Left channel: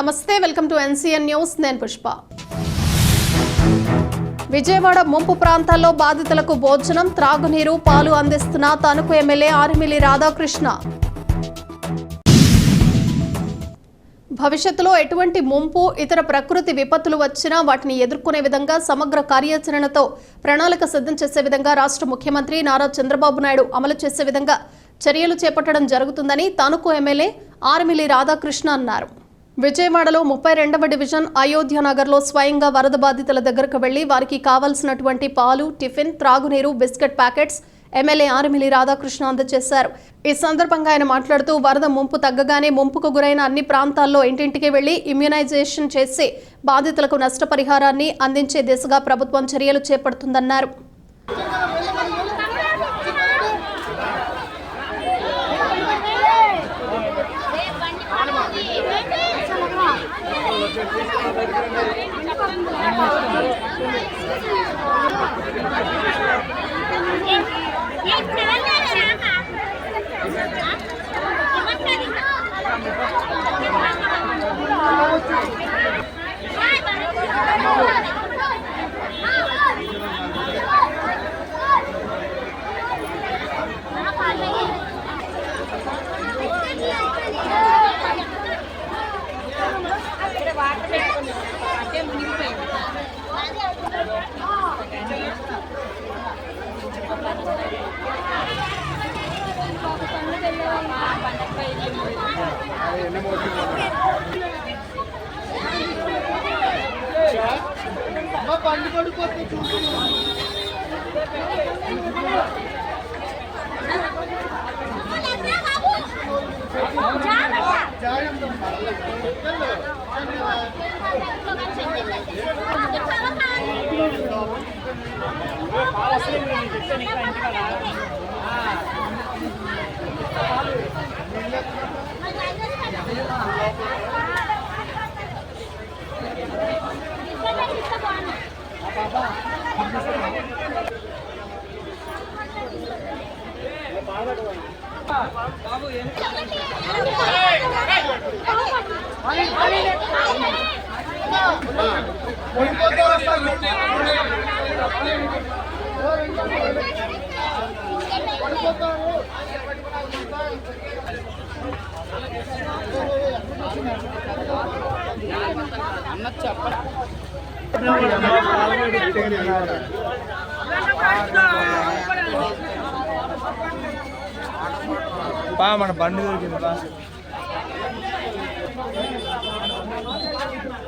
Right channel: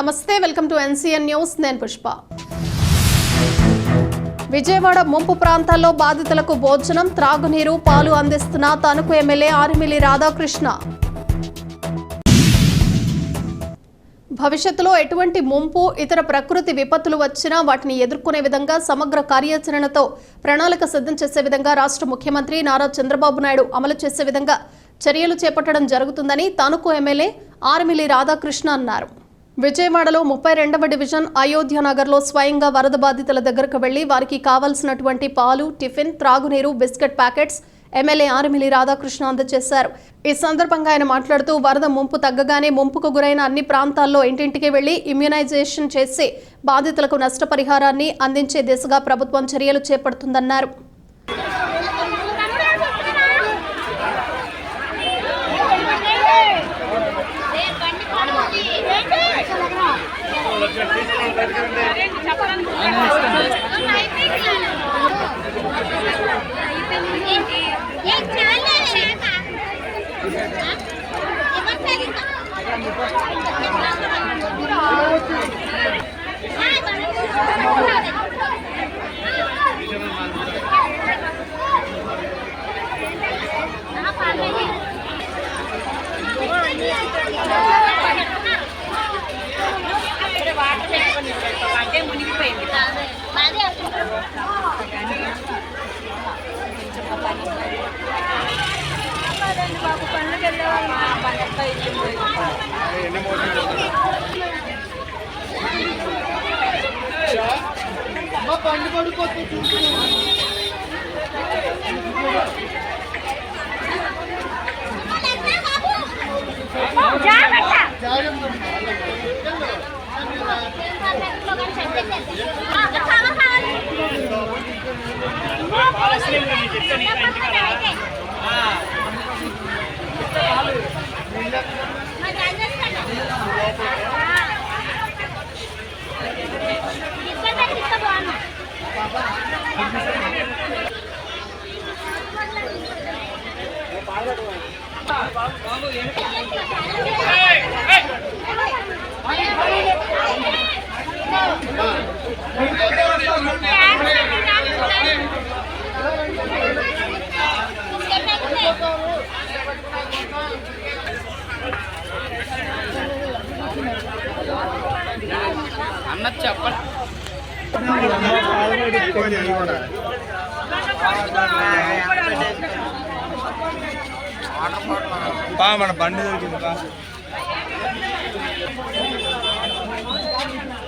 నమస్తే, welcome to NCN news. నేను పుష్ప. విజయవాడ ముంపు ప్రాంతాల్లో బాధితులకు భోజనం, త్రాగునీరు, పాలు అందిస్తున్న తణుకు ఎమ్మెల్యే ఆర్మిల్లి రాధాకృష్ణ. భవిష్యత్తులో ఎటువంటి ముంపు, ఇతర ప్రకృతి విపత్తులు వచ్చినా వాటిని ఎదుర్కొనే విధంగా సమగ్ర కార్యాచరణతో ప్రణాళిక సిద్ధం చేసే విధంగా రాష్ట్ర ముఖ్యమంత్రి నారా చంద్రబాబు నాయుడు అమలు చేసే విధంగా చర్యలు చేపట్టడం జరుగుతుందని తణుకు ఎమ్మెల్యే ఆర్మిల్లి రాధాకృష్ణ అన్నారు. విజయవాడలో 32వ డివిజన్ అయోధ్య నగర్లో స్వయంగా వరద బాధితుల దగ్గరకు వెళ్లి వారికి కావాల్సినటువంటి పాలు, టిఫిన్, త్రాగునీరు, biscuit packets MLA Armilli Radhakrishna అందజేశారు. ఈ సందర్భంగా ఆయన మాట్లాడుతూ వరద ముంపు తగ్గగానే ముంపుకు గురైన అన్ని ప్రాంతాల్లో ఇంటింటికి వెళ్లి ఇమ్యునైజేషన్ చేసి బాధితులకు నష్టపరిహారాన్ని అందించే దిశగా ప్రభుత్వం చర్యలు చేపడుతుందన్నారు. అన్న చెప్పండి. మన బండి దొరికింది.